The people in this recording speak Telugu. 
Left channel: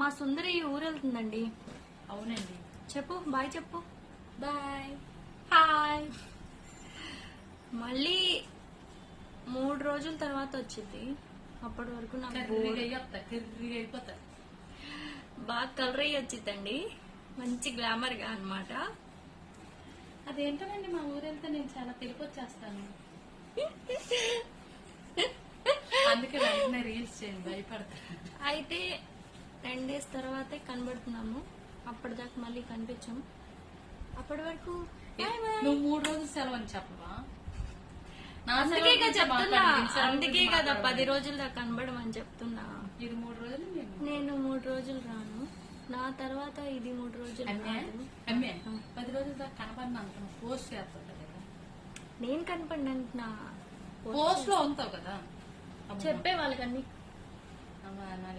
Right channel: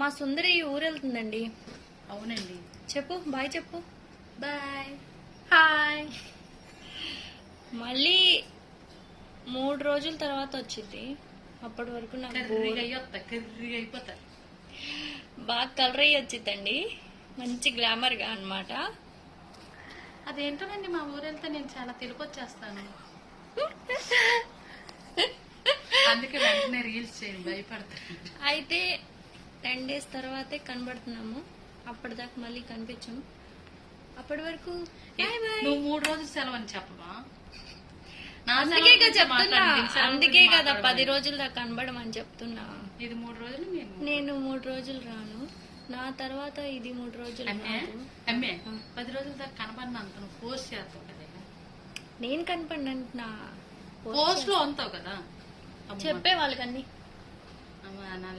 మా సుందరి ఊరెళ్తుందండి. అవునండి. చెప్పు బాయ్ చెప్పు. బాయ్. హాయ్. మళ్ళీ 3 రోజుల తర్వాత వచ్చింది. అప్పటి వరకు నాకు కర్రీగా అయిపోతా. బాగా కలర్ అయ్యి వచ్చిందండి. మంచి గ్లామర్ గా అన్నమాట. అదేంటోనండి, మా ఊరు వెళ్తే నేను చాలా తెలుపు వచ్చేస్తాను. అందుకే వెంటనే రీల్స్ చేయండి, భయపడతాను. అయితే 10 days తర్వాతే కనబడుతున్నాము. అప్పటిదాకా మళ్ళీ కనిపించం. అప్పటి వరకు నువ్వు 3 రోజులు సెలవు అని చెప్పవా? అందుకే కదా చెప్తున్నా. అందుకే కదా 10 రోజుల దాకా కనబడమని చెప్తున్నా. ఇది 3 రోజులు, నేను 3 రోజులు రాను. నా తర్వాత ఇది 3 రోజులు రాదు. 10 రోజుల దాకా కనపడిన అంత నువ్వు పోస్ట్ చేస్తావు కదా. నేను కనపడినంటున్నా. పోస్ట్ లో ఉంటావు కదా. చెప్పే వాళ్ళకన్నీ. నా